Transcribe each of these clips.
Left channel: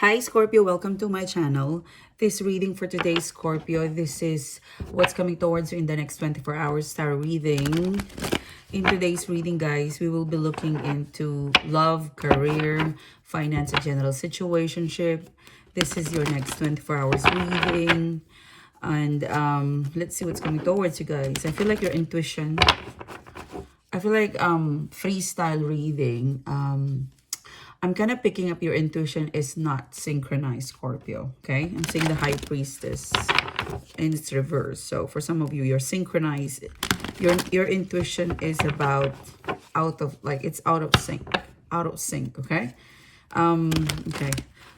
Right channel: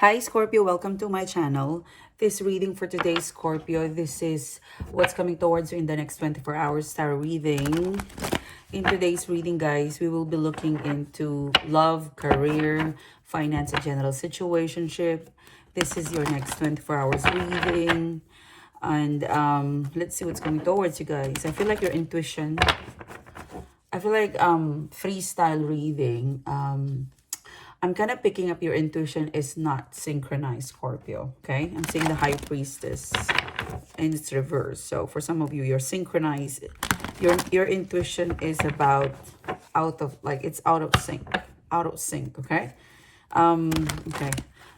Hi Scorpio, welcome to my channel. This reading for today, Scorpio, this is what's coming towards you in the next 24 hours tarot reading. In today's reading, guys, we will be looking into love, career, finance, and general situationship. This is your next 24 hours reading. And let's see what's coming towards you guys. I feel like your intuition, I feel like freestyle reading. I'm kind of picking up your intuition is not synchronized, Scorpio, okay? I'm seeing the High Priestess and it's reversed. So for some of you, you're synchronized. Your intuition is about it's out of sync, okay? Okay.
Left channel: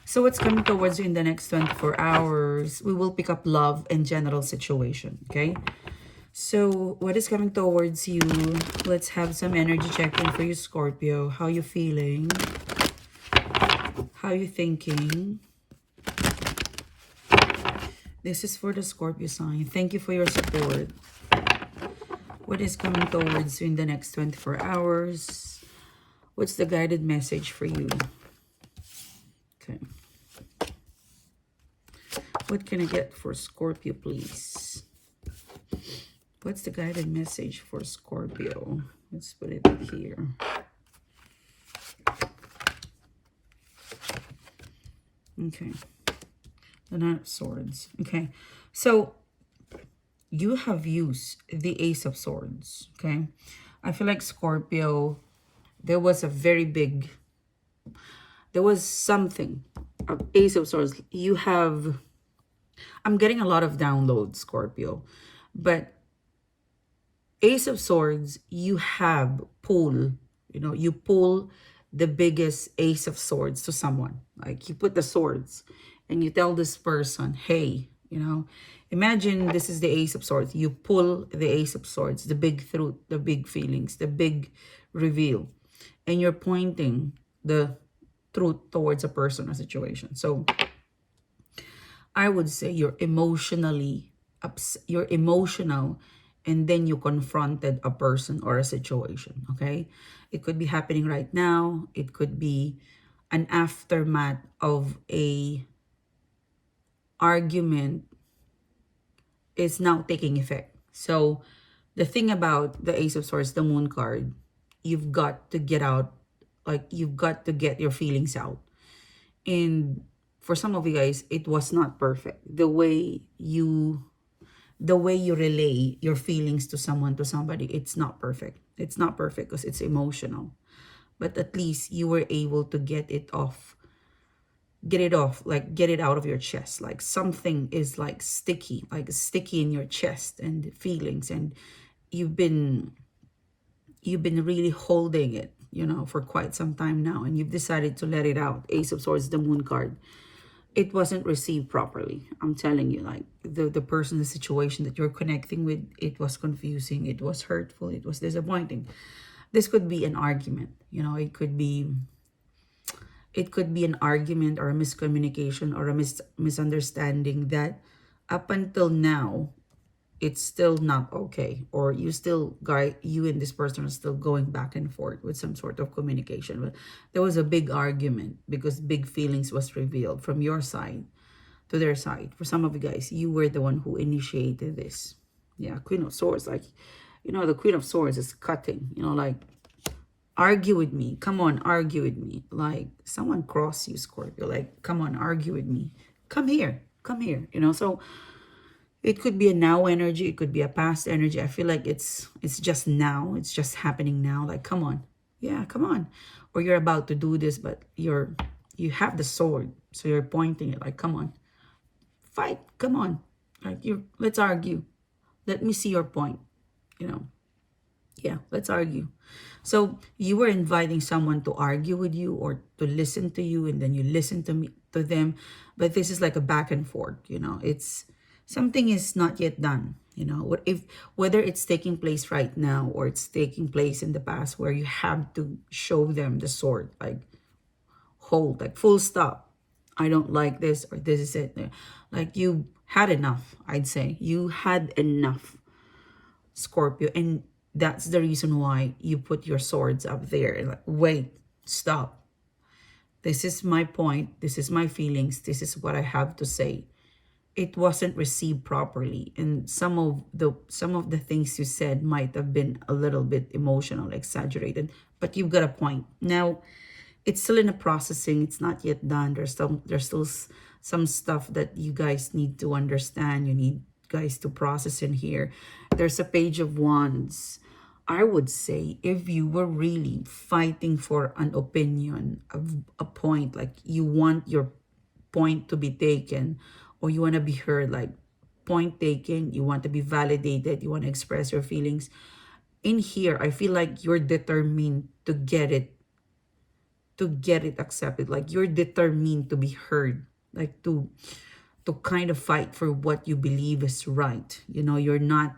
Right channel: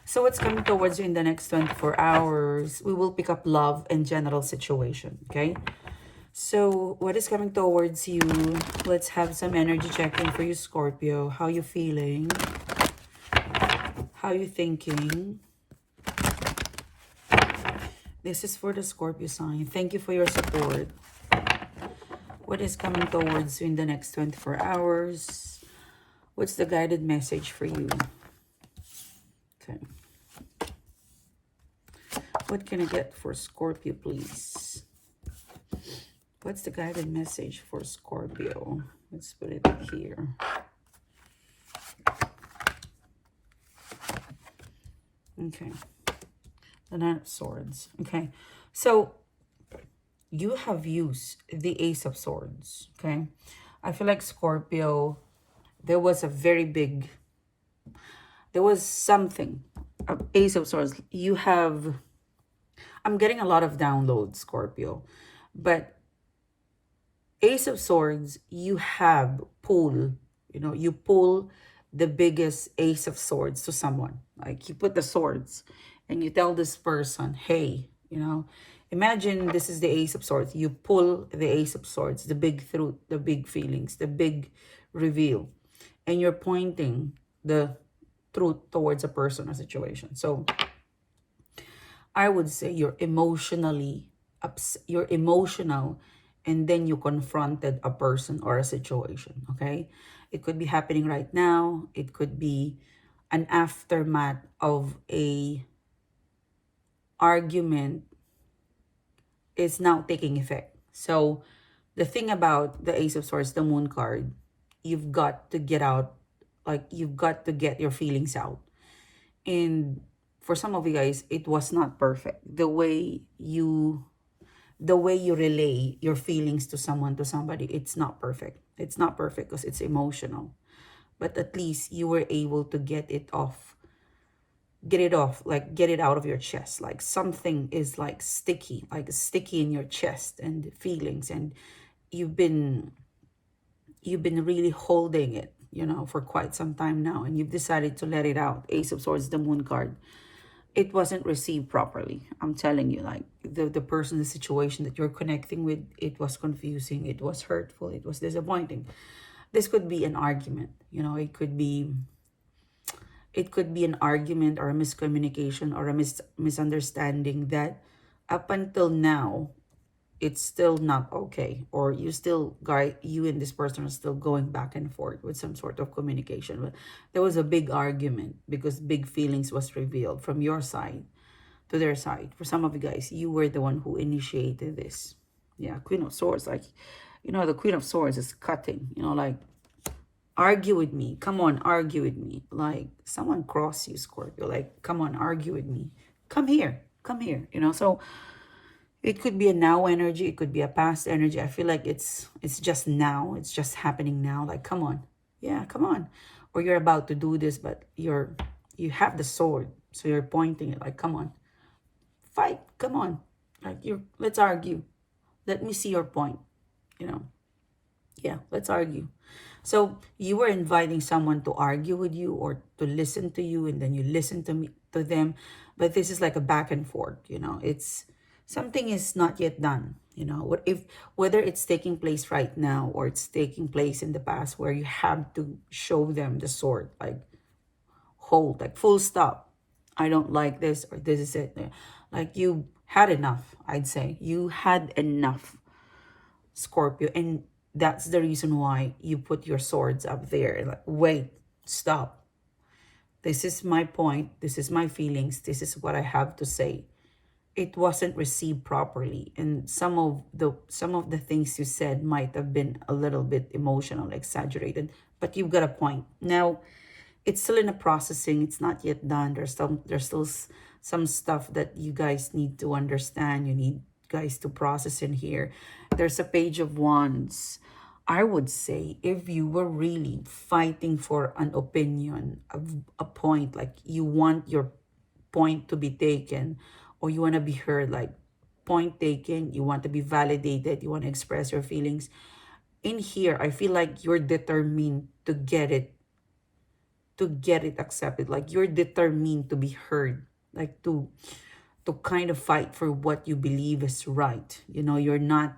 So what's coming towards you in the next 24 hours? We will pick up love and general situation, okay? So what is coming towards you? Let's have some energy check-in for you, Scorpio. How you feeling? How you thinking? This is for the Scorpio sign. Thank you for your support. What is coming towards you in the next 24 hours? What's the guided message for you? Okay. What can I get for Scorpio, please? What's the guided message for Scorpio? Let's put it here. Okay. The Knight of Swords. Okay. So you have used the Ace of Swords. Okay. I feel like Scorpio, there was something. Ace of Swords. You have, I'm getting a lot of downloads, Scorpio. But Ace of Swords, you have pull. You pull the biggest Ace of Swords to someone. Like you put the swords and you tell this person, hey, imagine this is the Ace of Swords. You pull the Ace of Swords, the big truth, the big feelings, the big reveal. And you're pointing the truth towards a person or situation. So I would say you're emotional, and then you confronted a person or a situation, okay? It could be happening right now. It could be an aftermath of a argument is now taking effect. So the thing about the Ace of Swords, the Moon card, you've got to get out, you've got to get your feelings out. And for some of you guys, it was not perfect. The way you relay your feelings to somebody, it's not perfect. It's not perfect because it's emotional. But at least you were able to get it off, get it out of your chest. Like something is sticky in your chest and feelings, and you've been really holding it, for quite some time now, and you've decided to let it out. Ace of Swords, the Moon card. It wasn't received properly. I'm telling you, like the person, the situation that you're connecting with, it was confusing, it was hurtful, it was disappointing. This could be an argument, it could be an argument or a miscommunication or a misunderstanding that up until now it's still not okay, or you and this person are still going back and forth with some sort of communication. But there was a big argument because big feelings was revealed from your side to their side. For some of you guys, you were the one who initiated this. Yeah, Queen of Swords, the Queen of Swords is cutting, argue with me, come on, argue with me. Like someone cross you, Scorpio, like come on, argue with me, come here, so it could be a now energy. It could be a past energy. I feel like it's just now. It's just happening now. Like, come on. Yeah, come on. Or you're about to do this, but you have the sword. So you're pointing it like, come on. Fight. Come on. Like let's argue. Let me see your point. Yeah, let's argue. So you were inviting someone to argue with you or to listen to you, and then you listen to them. But this is like a back and forth, it's something is not yet done, whether it's taking place right now or it's taking place in the past, where you have to show them the sword, like hold, like full stop. I don't like this, or this is it. Like you had enough, I'd say. You had enough, Scorpio, and that's the reason why you put your swords up there and like, wait, stop. This is my point. This is my feelings. This is what I have to say. It wasn't received properly, and some of the things you said might have been a little bit emotional, exaggerated, but you've got a point. Now, it's still in a processing. It's not yet done. There's still some stuff that you guys need to understand. You need guys to process in here. There's a Page of Wands. I would say if you were really fighting for an opinion, a point, like you want your point to be taken, or you want to be heard, like point taken, you want to be validated, you want to express your feelings. In here, I feel like you're determined to get it accepted. Like you're determined to be heard, like to kind of fight for what you believe is right. You know, you're not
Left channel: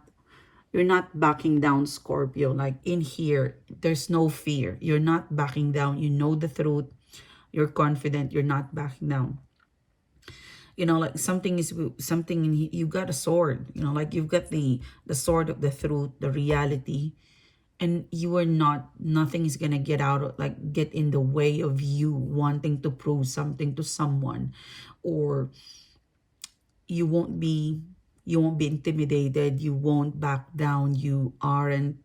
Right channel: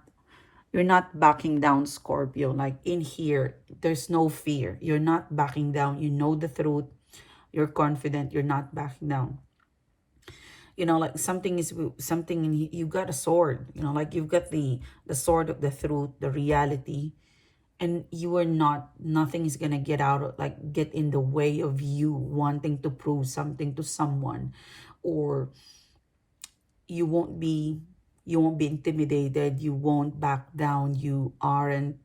backing down, Scorpio. Like in here, there's no fear. You're not backing down. You know the truth. You're confident. You're not backing down. You know, like something in here. You got a sword. You know, like you've got the sword of the truth, the reality, and you are not. Nothing is gonna get in the way of you wanting to prove something to someone, or you won't be intimidated. You won't back down. You aren't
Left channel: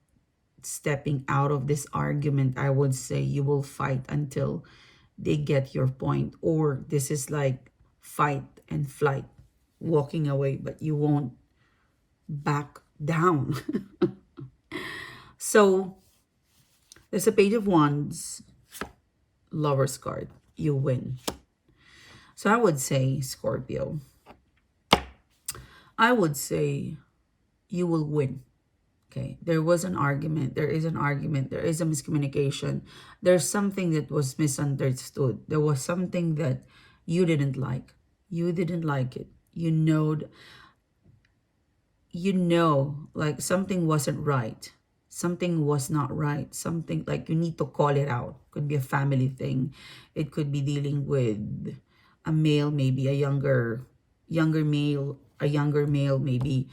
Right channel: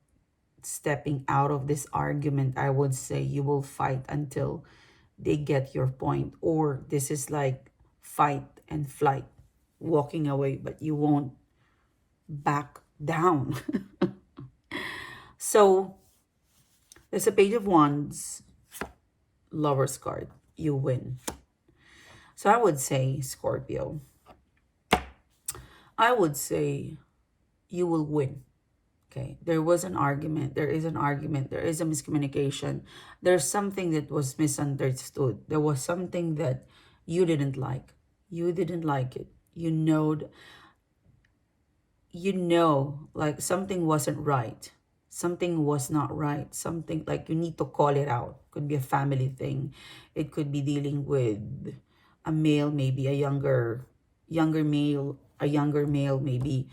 stepping out of this argument. I would say you will fight until they get your point, or this is like fight and flight, walking away, but you won't back down. So there's a Page of Wands, Lover's card. You win. So I would say, Scorpio, I would say you will win. Okay, there was an argument. There is an argument. There is a miscommunication. There's something that was misunderstood. There was something that you didn't like. You didn't like it. You know, like something wasn't right. Something was not right. Something like you need to call it out. Could be a family thing. It could be dealing with a male, maybe a younger male, maybe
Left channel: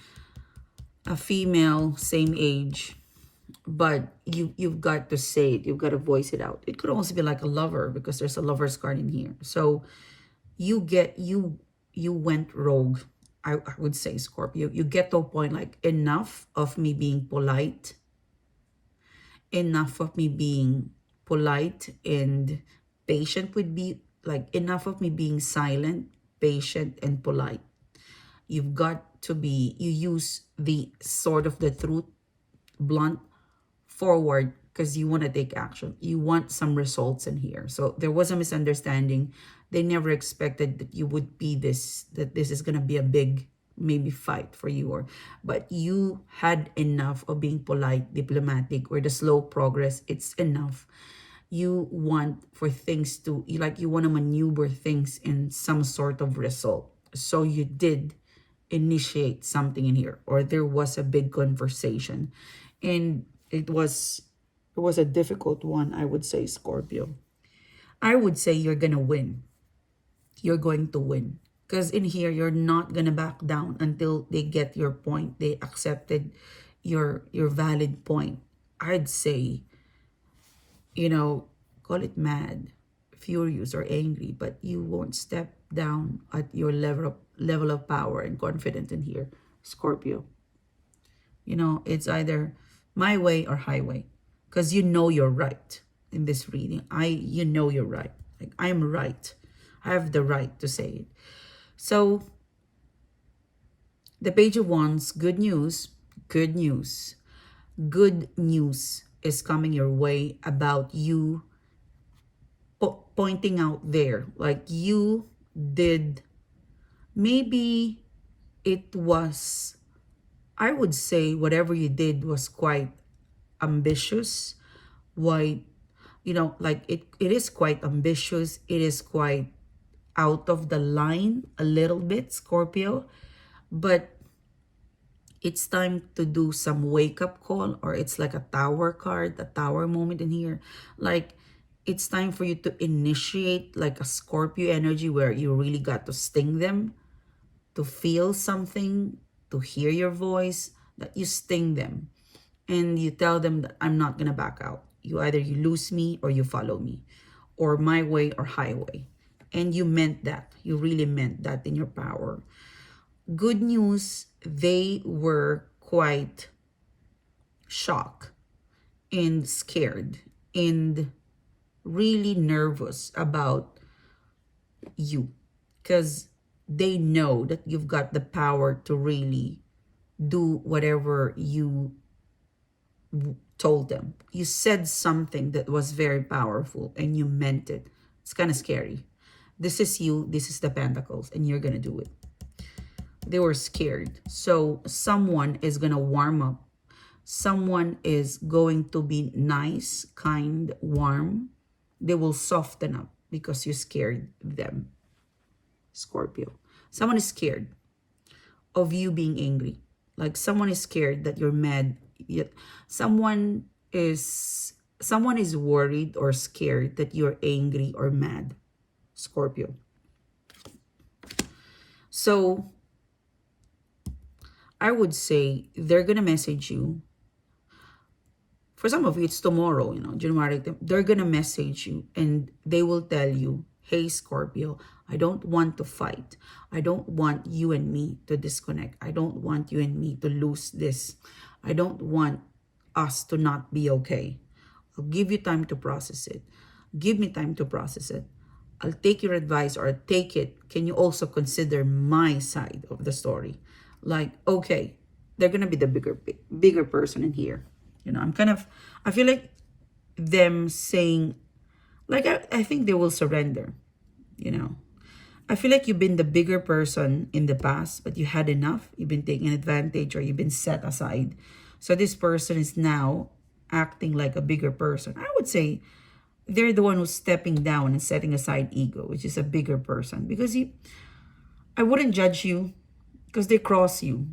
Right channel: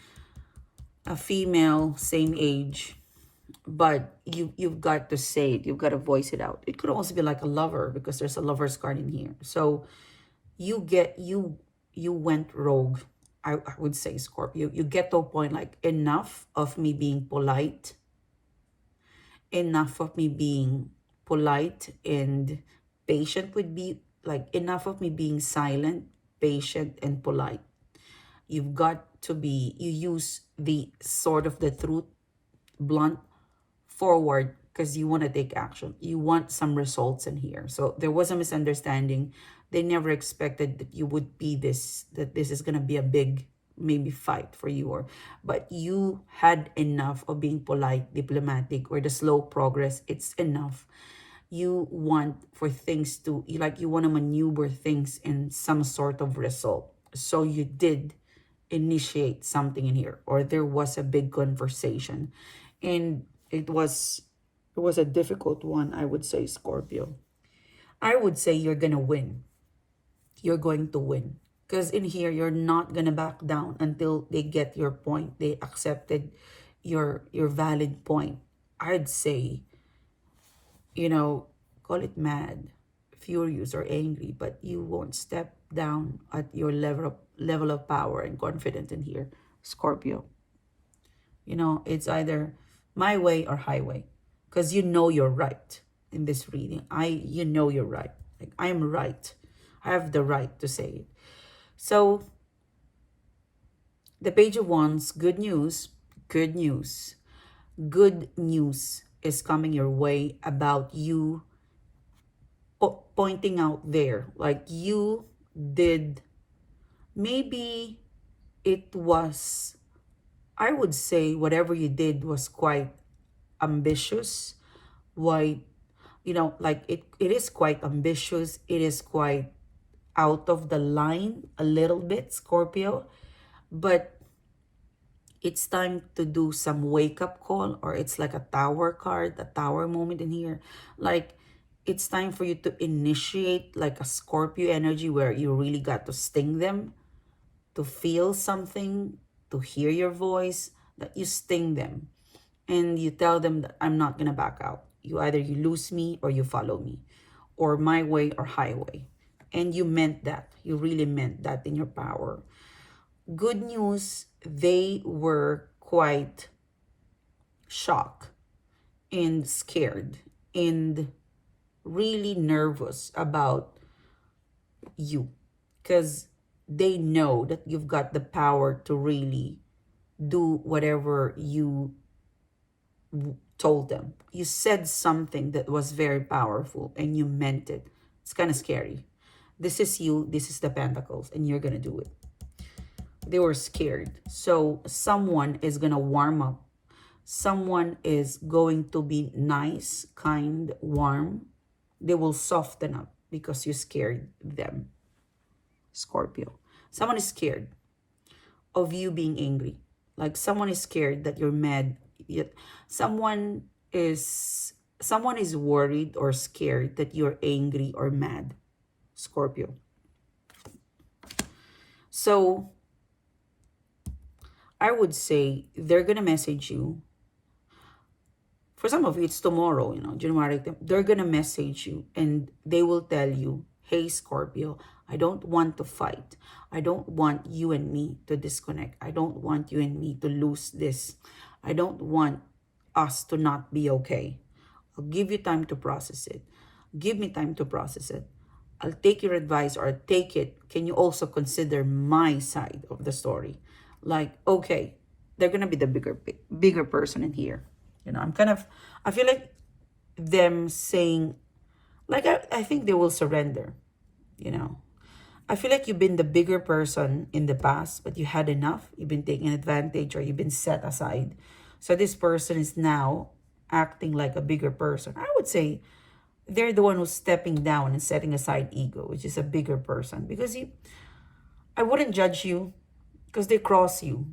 a female, same age. But you've got to say it. You've got to voice it out. It could also be like a lover, because there's a lover's card in here. So you went rogue. I would say, Scorpio, you get to a point like, enough of me being polite. Enough of me being polite and patient would be like, enough of me being silent, patient, and polite. You've got to be, you use the sword of the truth, blunt, forward, because you want to take action. You want some results in here. So there was a misunderstanding. They never expected that you would be this, that this is going to be a big, maybe fight for you, but you had enough of being polite, diplomatic, or the slow progress. It's enough. You want for things to, you want to maneuver things in some sort of result. So you did initiate something in here, or there was a big conversation, and it was a difficult one, I would say, Scorpio. I would say you're gonna win. You're going to win. Because in here, you're not gonna back down until they get your point. They accepted your valid point. I'd say, call it mad, furious, or angry, but you won't step down at your level of power and confidence in here, Scorpio. It's either my way or highway, because you're right in this reading. You're right. Like, I'm right. I have the right to say it. So the Page of Wands, good news is coming your way about you pointing out there, like you did. Maybe it was, I would say, whatever you did was quite ambitious. Why, like it is quite ambitious. It is quite out of the line a little bit, Scorpio. But it's time to do some wake-up call, or it's like a tower card, a tower moment in here. Like, it's time for you to initiate like a Scorpio energy, where you really got to sting them, to feel something, to hear your voice, that you sting them. And you tell them that I'm not going to back out. You lose me or you follow me. or my way or highway. And you meant that. You really meant that in your power. Good news, they were quite shocked and scared and really nervous about you, because they know that you've got the power to really do whatever you told them. You said something that was very powerful and you meant it. It's kind of scary. This is you, this is the Pentacles, and you're gonna do it. They were scared. So someone is gonna warm up. Someone is going to be nice, kind, warm. They will soften up because you scared them, Scorpio. Someone is scared of you being angry. Like someone is scared that you're mad. Someone is worried or scared that you're angry or mad, Scorpio. So I would say they're gonna message you. For some of you, it's tomorrow, January. They're gonna message you and they will tell you, hey, Scorpio, I don't want to fight. I don't want you and me to disconnect. I don't want you and me to lose this. I don't want us to not be okay. I'll give you time to process it. Give me time to process it. I'll take your advice, or I'll take it. Can you also consider my side of the story? Like, okay, they're gonna be the bigger person in here. I feel like them saying, like, I think they will surrender, I feel like you've been the bigger person in the past, but you had enough. You've been taken advantage, or you've been set aside. So this person is now acting like a bigger person. I would say they're the one who's stepping down and setting aside ego, which is a bigger person. Because I wouldn't judge you because they cross you.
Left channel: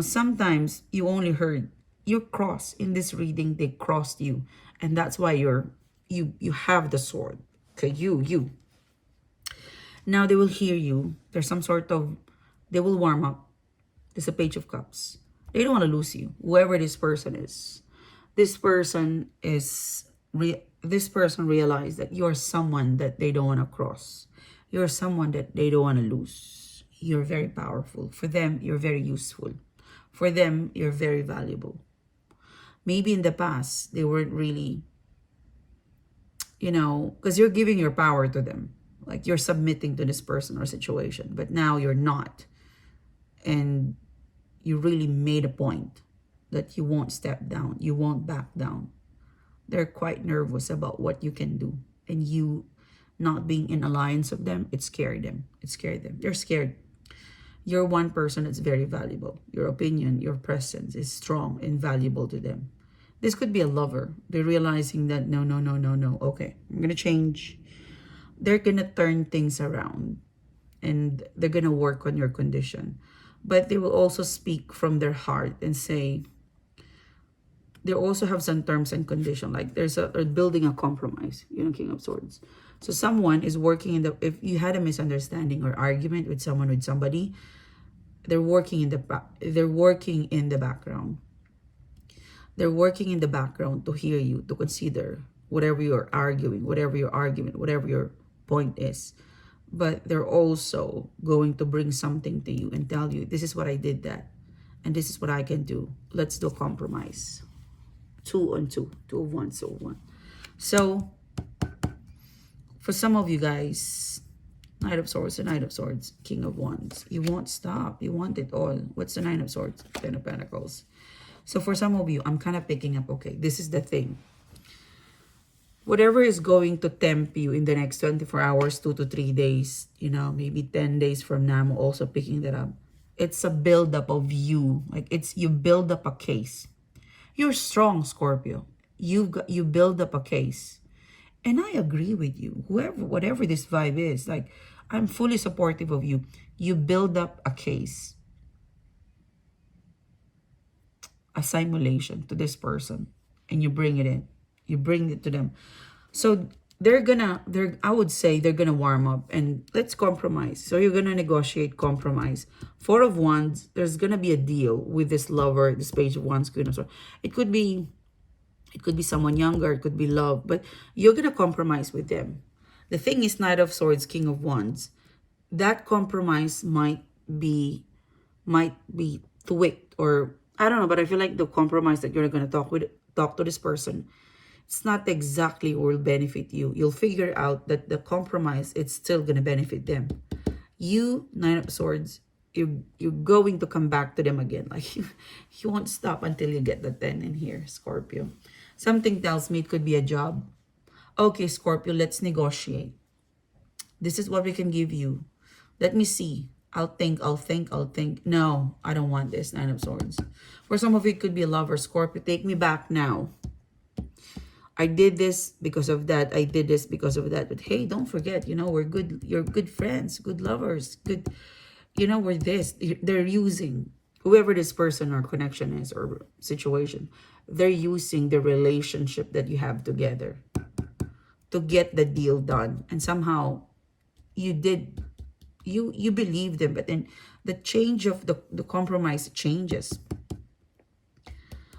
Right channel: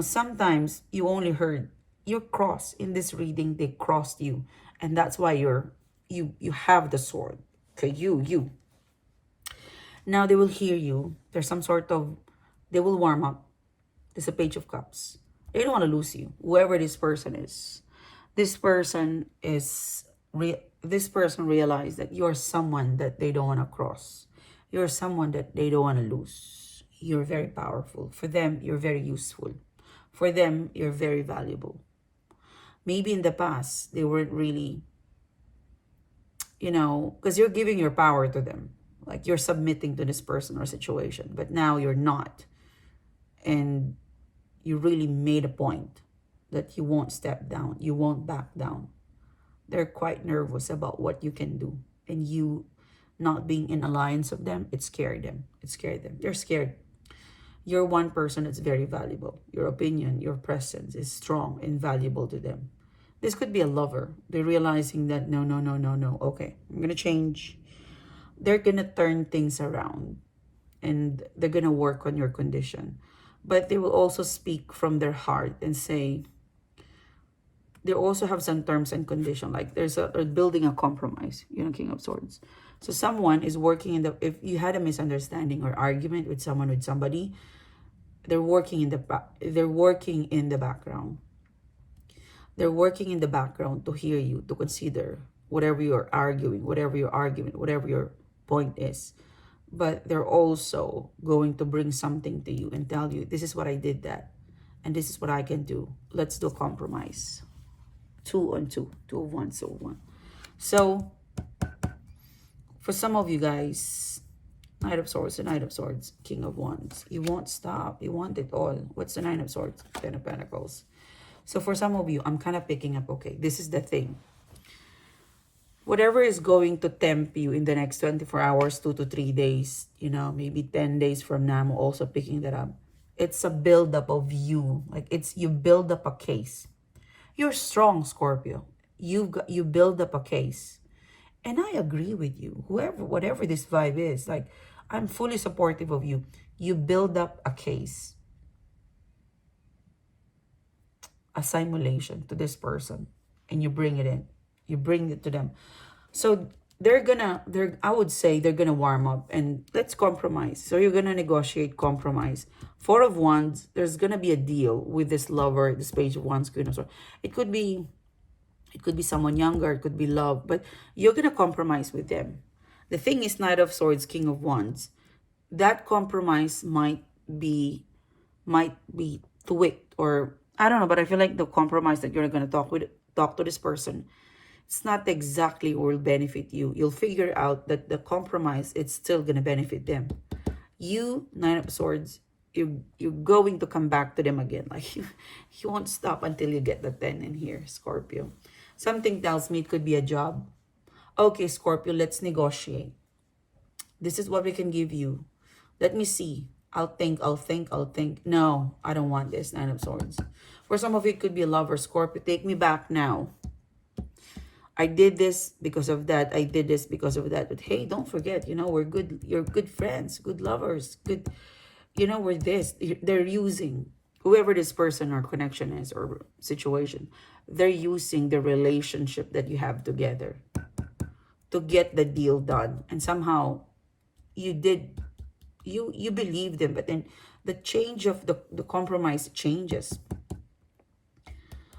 Sometimes you only heard you cross. In this reading, they crossed you. And that's why you have the sword. Okay, you. Now they will hear you. There's some sort of, they will warm up. There's a Page of Cups. They don't want to lose you. Whoever this person is. This person realized that you're someone that they don't want to cross. You're someone that they don't want to lose. You're very powerful. For them, you're very useful. For them, you're very valuable. Maybe in the past, they weren't really, because you're giving your power to them. Like you're submitting to this person or situation. But now you're not. And you really made a point that you won't step down. You won't back down. They're quite nervous about what you can do. And you not being in alliance with them, it scared them. It scared them. They're scared. You're one person that's very valuable. Your opinion, your presence is strong and valuable to them. This could be a lover. They're realizing that no. Okay, I'm going to change. They're going to turn things around. And they're going to work on your condition. But they will also speak from their heart and say, they also have some terms and conditions. Like they're building a compromise, King of Swords. So someone is working if you had a misunderstanding or argument with somebody, they're working in the background. They're working in the background to hear you, to consider whatever you're arguing, whatever your argument, whatever your point is. But they're also going to bring something to you and tell you, this is what I did that, and this is what I can do. Let's do a compromise. 2 on 2, 2 of 1, so 1. So, for some of you guys, Knight of Swords, the Knight of Swords, King of Wands. You won't stop. You want it all. What's the Nine of Swords? Ten of Pentacles. So for some of you, I'm kind of picking up, okay, this is the thing. Whatever is going to tempt you in the next 24 hours, 2 to 3 days, maybe 10 days from now, I'm also picking that up. It's a buildup of you. Like you build up a case. You're strong, Scorpio. You build up a case. And I agree with you. Whatever this vibe is, like, I'm fully supportive of you. You build up a case. A simulation to this person. And you bring it in. You bring it to them. So I would say they're gonna warm up and let's compromise. So you're gonna negotiate compromise. 4 of Wands, there's gonna be a deal with this lover, this Page of Wands, Queen of Swords. It could be someone younger, it could be love, but you're gonna compromise with them. The thing is, Knight of Swords, King of Wands. That compromise might be tweaked, or I don't know, but I feel like the compromise that you're going to talk to this person, it's not exactly will benefit you. You'll figure out that the compromise, it's still going to benefit them. You, Nine of Swords, you're going to come back to them again. Like you won't stop until you get the 10 in here, Scorpio. Something tells me it could be a job. Okay, Scorpio, let's negotiate. This is what we can give you. Let me see. I'll think. No, I don't want this, Nine of Swords. For some of you, it could be a lover, Scorpio. Take me back now. I did this because of that. I did this because of that. But hey, don't forget, you know, we're good. You're good friends, good lovers, good. You know, we're this. They're using whoever this person or connection is or situation. They're using the relationship that you have together to get the deal done. And somehow you did. You believe them, but then the change of the compromise changes.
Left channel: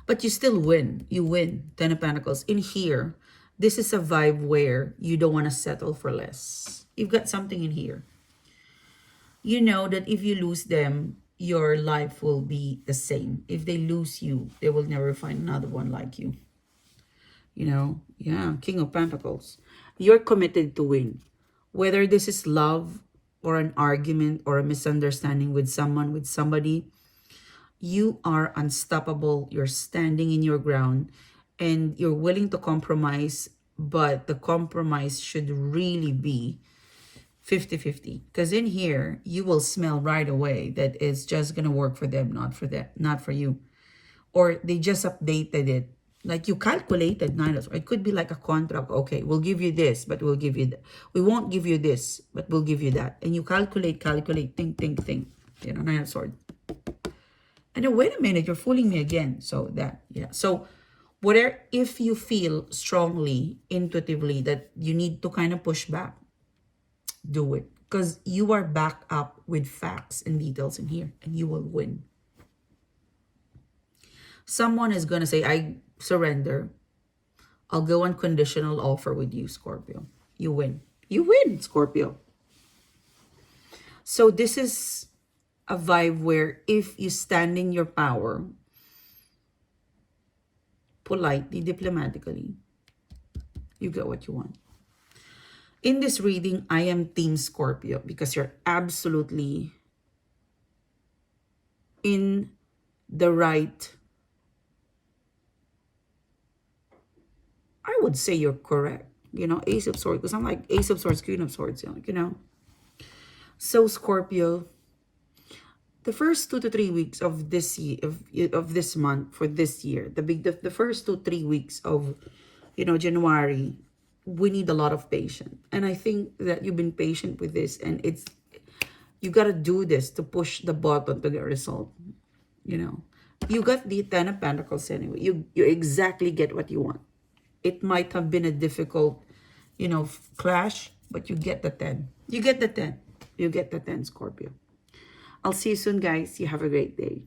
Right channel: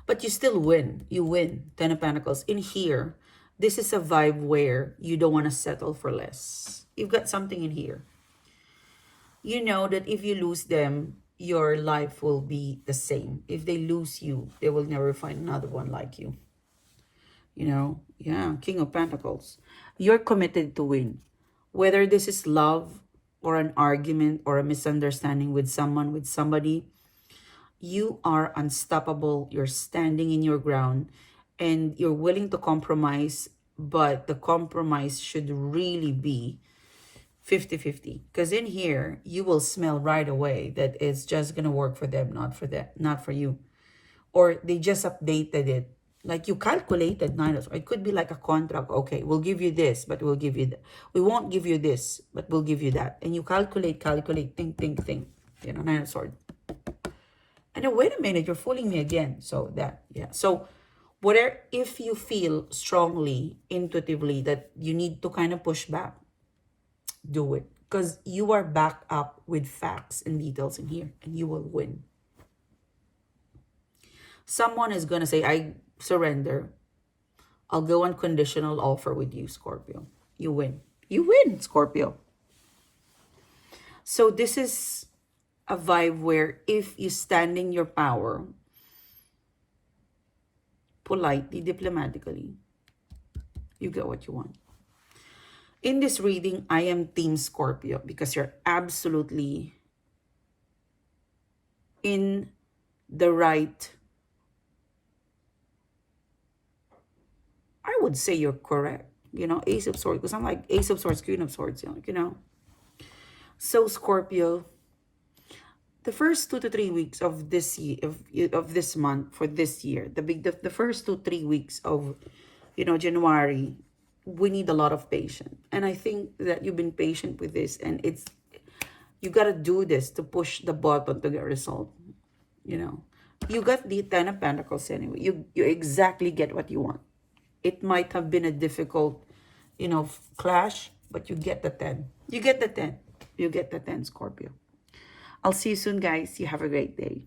But you still win. You win. 10 of Pentacles. In here, this is a vibe where you don't want to settle for less. You've got something in here. You know that if you lose them, your life will be the same. If they lose you, they will never find another one like you. You know? Yeah. King of Pentacles. You're committed to win. Whether this is love or an argument or a misunderstanding with someone, with somebody, you are unstoppable. You're standing in your ground and you're willing to compromise, but the compromise should really be 50-50. Because in here, you will smell right away that it's just going to work for them, not for you. Or they just updated it. Like you calculated, it could be like a contract. Okay, we'll give you this, but we'll give you that. We won't give you this, but we'll give you that. And you calculate, think. You know, Nine of Swords. And then, wait a minute, you're fooling me again. So that, yeah. So whatever, if you feel strongly, intuitively that you need to kind of push back, do it. Because you are backed up with facts and details in here. And you will win. Someone is going to say, I surrender. I'll go on conditional offer with you, Scorpio. You win. You win, Scorpio. So this is a vibe where if you stand in your power, politely, diplomatically, you get what you want. In this reading, I am Team Scorpio because you're absolutely in the right. I would say you're correct. You know, Ace of Swords, because I'm like Ace of Swords, Queen of Swords, you know. So Scorpio, the first 2 to 3 weeks of this year, of this month for this year, the first 2-3 weeks of, you know, January, we need a lot of patience. And I think that you've been patient with this, and you got to do this to push the button to get result. You know, you got the 10 of Pentacles anyway. You exactly get what you want. It might have been a difficult, you know, clash, but you get the 10. You get the 10. You get the 10, Scorpio. I'll see you soon, guys. You have a great day.